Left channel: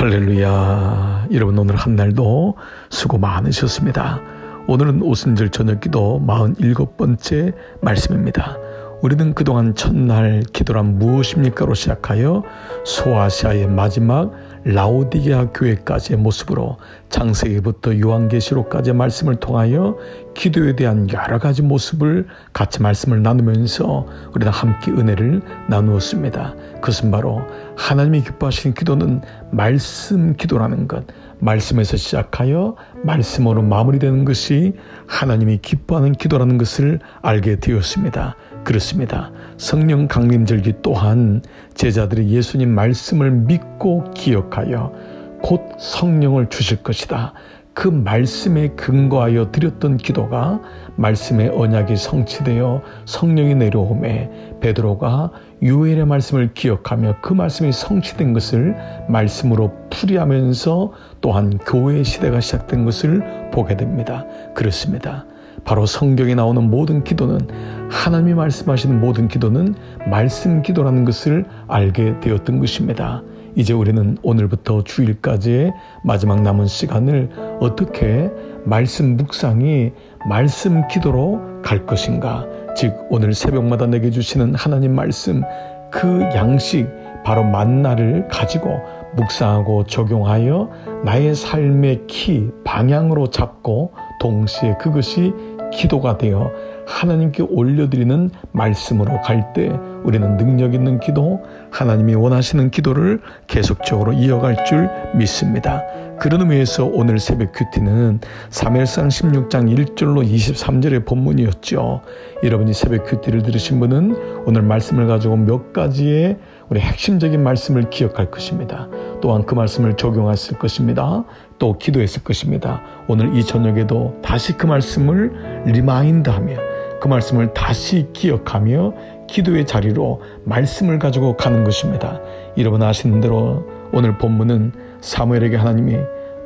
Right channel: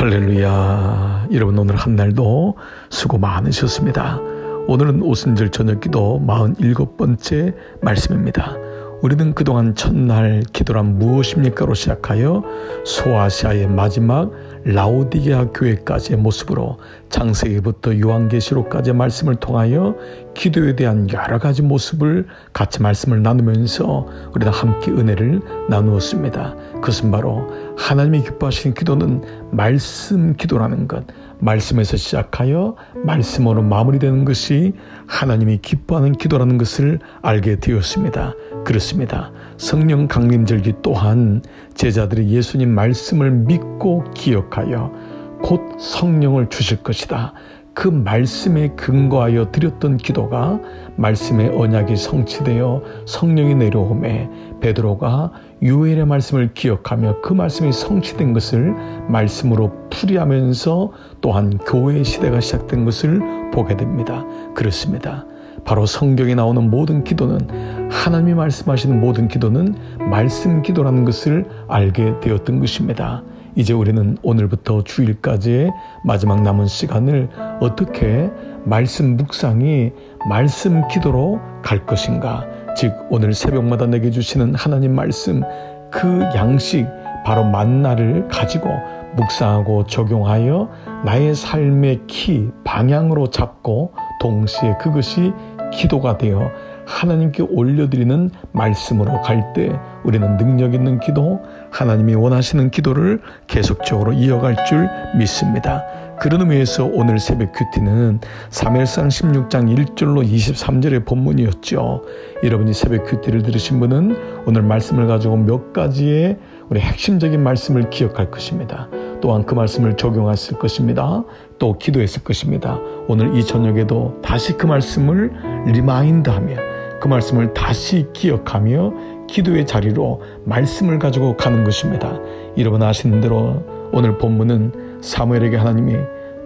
할렐루야. 여러분 오늘 한 날도 수고 많으셨습니다. 오늘은 오순절 저녁기도 47번째 말씀입니다. 우리는 그동안 첫날 기도란 무엇입니까로 시작하여 소아시아의 마지막 라오디게아 교회까지의 모습으로 창세기부터 요한계시록까지의 말씀을 통하여 기도에 대한 여러 가지 모습을 같이 말씀을 나누면서 우리는 함께 은혜를 나누었습니다. 그것은 바로 하나님이 기뻐하시는 기도는 말씀 기도라는 것, 말씀에서 시작하여 말씀으로 마무리되는 것이 하나님이 기뻐하는 기도라는 것을 알게 되었습니다. 그렇습니다. 성령 강림절기 또한 제자들이 예수님 말씀을 믿고 기억하여 곧 성령을 주실 것이다. 그 말씀에 근거하여 드렸던 기도가 말씀의 언약이 성취되어 성령이 내려오매 베드로가 요엘의 말씀을 기억하며 그 말씀이 성취된 것을 말씀으로 풀이하면서 또한 교회의 시대가 시작된 것을 보게 됩니다. 그렇습니다. 바로 성경에 나오는 모든 기도는, 하나님이 말씀하시는 모든 기도는 말씀 기도라는 것을 알게 되었던 것입니다. 이제 우리는 오늘부터 주일까지의 마지막 남은 시간을 어떻게 말씀 묵상이 말씀 기도로 갈 것인가, 즉 오늘 새벽마다 내게 주시는 하나님 말씀, 그 양식 바로 만나를 가지고 묵상하고 적용하여 나의 삶의 키, 방향으로 잡고 동시에 그것이 기도가 되어 하나님께 올려드리는 말씀으로 갈 때 우리는 능력 있는 기도, 하나님이 원하시는 기도를 계속적으로 이어갈 줄 믿습니다. 그런 의미에서 오늘 새벽 큐티는 사무엘상 16장 1절로 23절의 본문이었죠. 여러분이 새벽 큐티를 들으신 분은 오늘 말씀을 가지고 몇 가지의 우리 핵심적인 말씀을 기억할 것입니다. 또한 그 말씀을 적용했을 것입니다. 또 기도했을 것입니다. 오늘 이 저녁에도 다시 그 말씀을 리마인드하며 그 말씀을 다시 기억하며 기도의 자리로 말씀을 가지고 가는 것입니다. 여러분 아시는 대로 오늘 본문은 사무엘에게 하나님이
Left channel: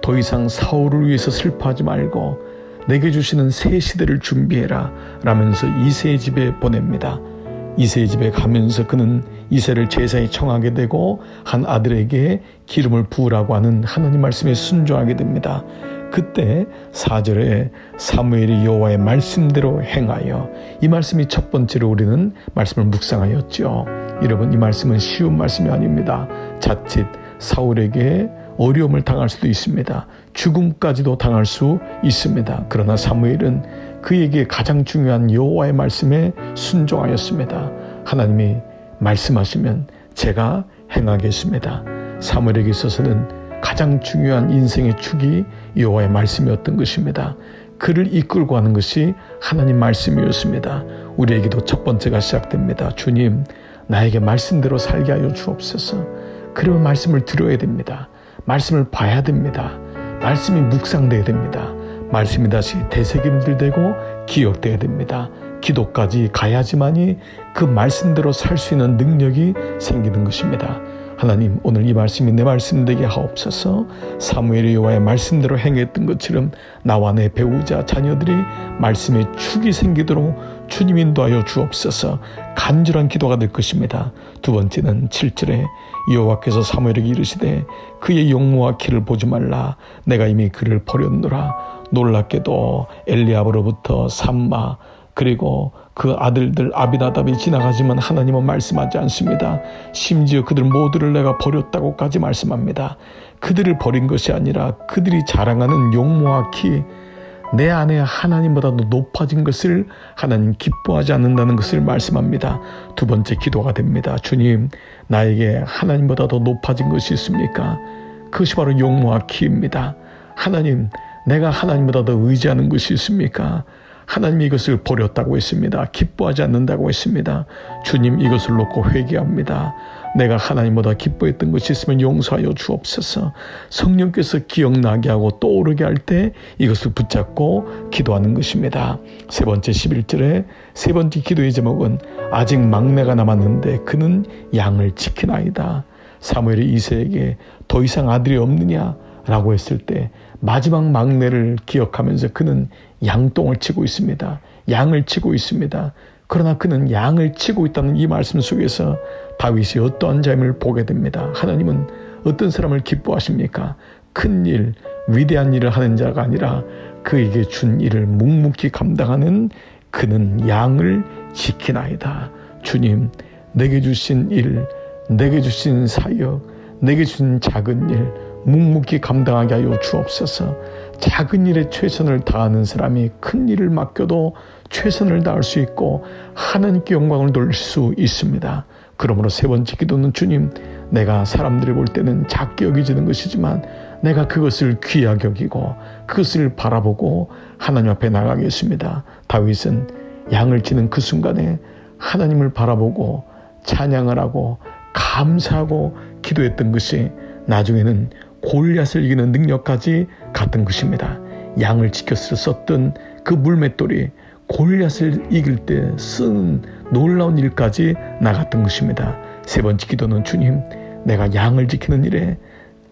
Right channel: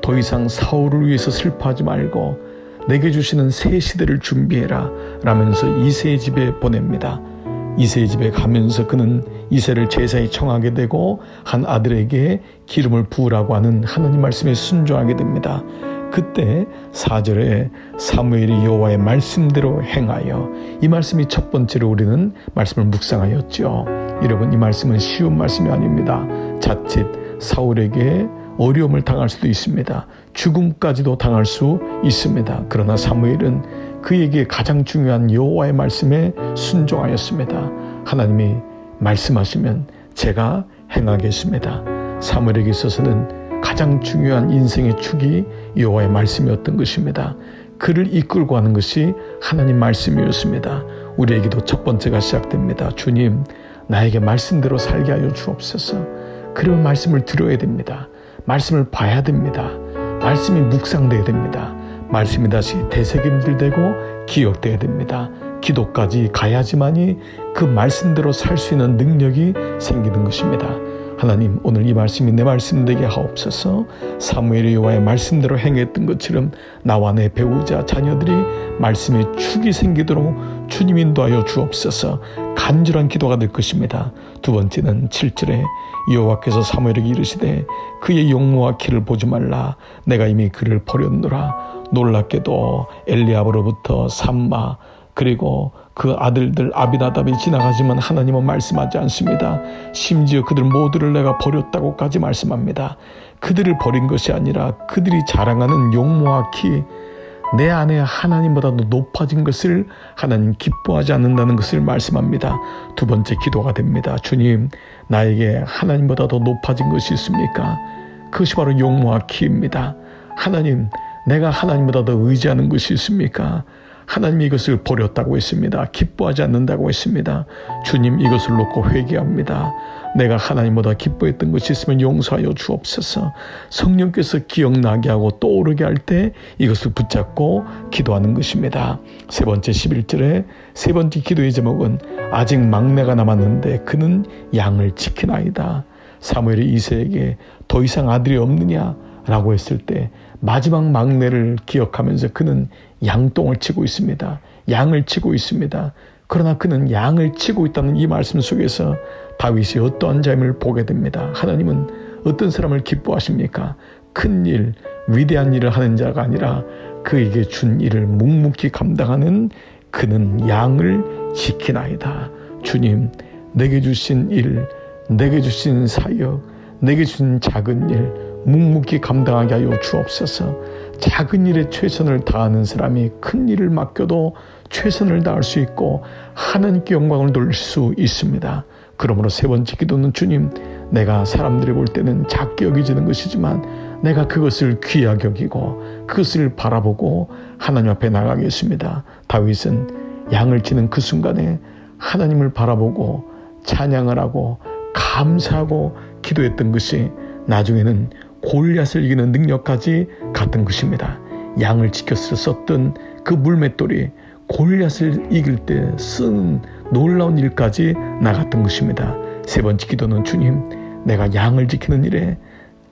더 이상 사울을 위해서 슬퍼하지 말고 내게 주시는 새 시대를 준비해라 라면서 이새의 집에 보냅니다. 이새의 집에 가면서 그는 이새를 제사에 청하게 되고 한 아들에게 기름을 부으라고 하는 하나님 말씀에 순종하게 됩니다. 그때 4절에 사무엘이 여호와의 말씀대로 행하여, 이 말씀이 첫 번째로 우리는 말씀을 묵상하였죠. 여러분 이 말씀은 쉬운 말씀이 아닙니다. 자칫 사울에게 어려움을 당할 수도 있습니다. 죽음까지도 당할 수 있습니다. 그러나 사무엘은 그에게 가장 중요한 여호와의 말씀에 순종하였습니다. 하나님이 말씀하시면 제가 행하겠습니다. 사무엘에게 있어서는 가장 중요한 인생의 축이 여호와의 말씀이었던 것입니다. 그를 이끌고 가는 것이 하나님 말씀이었습니다. 우리에게도 첫 번째가 시작됩니다. 주님, 나에게 말씀대로 살게 하여 주옵소서. 그러면 말씀을 들어야 됩니다. 말씀을 봐야 됩니다. 말씀이 묵상돼야 됩니다. 말씀이 다시 되새김질되고 기억돼야 됩니다. 기도까지 가야지만이 그 말씀대로 살 수 있는 능력이 생기는 것입니다. 하나님, 오늘 이 말씀이 내 말씀 되게 하옵소서. 사무엘이 여호와의 말씀대로 행했던 것처럼 나와 내 배우자, 자녀들이 말씀의 축이 생기도록 주님 인도하여 주옵소서. 간절한 기도가 될 것입니다. 두 번째는 7절에 여호와께서 사무엘에게 이르시되 그의 용모와 키를 보지 말라. 내가 이미 그를 버렸노라. 놀랍게도 엘리압으로부터 삼마 그리고 그 아들들 아비나답이 지나가지만 하나님은 말씀하지 않습니다. 심지어 그들 모두를 내가 버렸다고까지 말씀합니다. 그들을 버린 것이 아니라 그들이 자랑하는 용모와 키, 내 안에 하나님보다도 높아진 것을 하나님 기뻐하지 않는다는 것을 말씀합니다. 두 번째 기도가 됩니다. 주님, 나에게 하나님보다 더 높아진 것이 있습니까? 그것이 바로 용모와 키입니다. 하나님, 내가 하나님보다 더 의지하는 것이 있습니까? 하나님이 이것을 버렸다고 했습니다. 기뻐하지 않는다고 했습니다. 주님, 이것을 놓고 회개합니다. 내가 하나님보다 기뻐했던 것이 있으면 용서하여 주옵소서. 성령께서 기억나게 하고 떠오르게 할 때 이것을 붙잡고 기도하는 것입니다. 세 번째 11절에 세 번째 기도의 제목은 아직 막내가 남았는데 그는 양을 지키나이다. 사무엘이 이새에게 더 이상 아들이 없느냐 라고 했을 때 마지막 막내를 기억하면서 그는 양똥을 치고 있습니다. 양을 치고 있습니다. 그러나 그는 양을 치고 있다는 이 말씀 속에서 다윗이 어떠한 삶을 보게 됩니다. 하나님은 어떤 사람을 기뻐하십니까? 큰 일, 위대한 일을 하는 자가 아니라 그에게 준 일을 묵묵히 감당하는 그는 양을 지키나이다. 주님, 내게 주신 일, 내게 주신 사역, 내게 주신 작은 일 묵묵히 감당하게 하여 주옵소서. 작은 일에 최선을 다하는 사람이 큰 일을 맡겨도 최선을 다할 수 있고 하나님께 영광을 돌릴 수 있습니다. 그러므로 세 번째 기도는 주님, 내가 사람들이 볼 때는 작게 여기지는 것이지만 내가 그것을 귀하게 여기고 그것을 바라보고 하나님 앞에 나가겠습니다. 다윗은 양을 치는 그 순간에 하나님을 바라보고 찬양을 하고 감사하고 기도했던 것이 나중에는 골리앗을 이기는 능력까지 갔던 것입니다. 양을 지켜서 썼던 그 물맷돌이 골리앗을 이길 때 쓴 놀라운 일까지 나갔던 것입니다. 세 번째 기도는 주님, 내가 양을 지키는 일에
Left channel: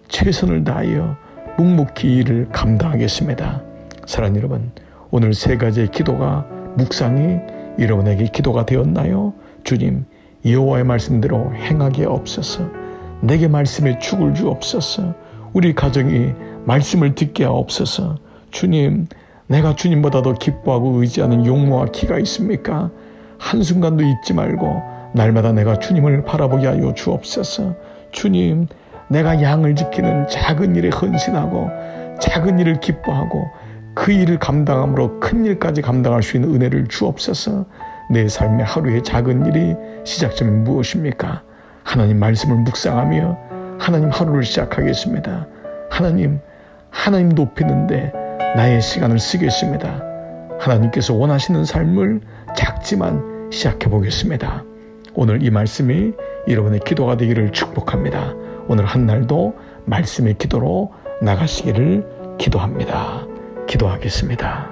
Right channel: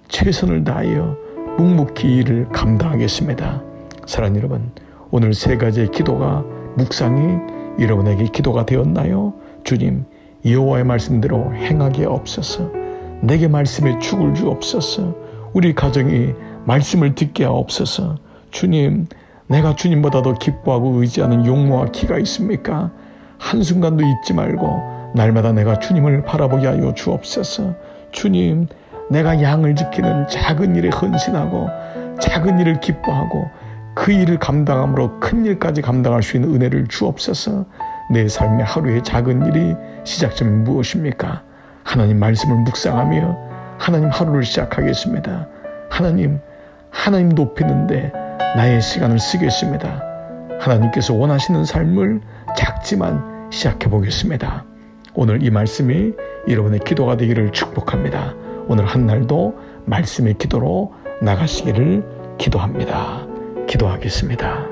최선을 다하여 묵묵히 일을 감당하겠습니다. 사랑하는 여러분, 오늘 세 가지의 기도가 묵상이 여러분에게 기도가 되었나요? 주님, 여호와의 말씀대로 행하게 없어서 내게 말씀에 축을 주옵소서. 우리 가정이 말씀을 듣게 하옵소서. 주님, 내가 주님보다 더 기뻐하고 의지하는 용모와 기가 있습니까? 한순간도 잊지 말고 날마다 내가 주님을 바라보게 하여 주옵소서. 주님, 내가 양을 지키는 작은 일에 헌신하고 작은 일을 기뻐하고 그 일을 감당함으로 큰 일까지 감당할 수 있는 은혜를 주옵소서. 내 삶의 하루의 작은 일이 시작점이 무엇입니까? 하나님 말씀을 묵상하며 하나님 하루를 시작하겠습니다. 하나님 높이는데 나의 시간을 쓰겠습니다. 하나님께서 원하시는 삶을 작지만 시작해 보겠습니다. 오늘 이 말씀이 여러분의 기도가 되기를 축복합니다. 오늘 한 날도 말씀의 기도로 나가시기를 기도합니다. 기도하겠습니다.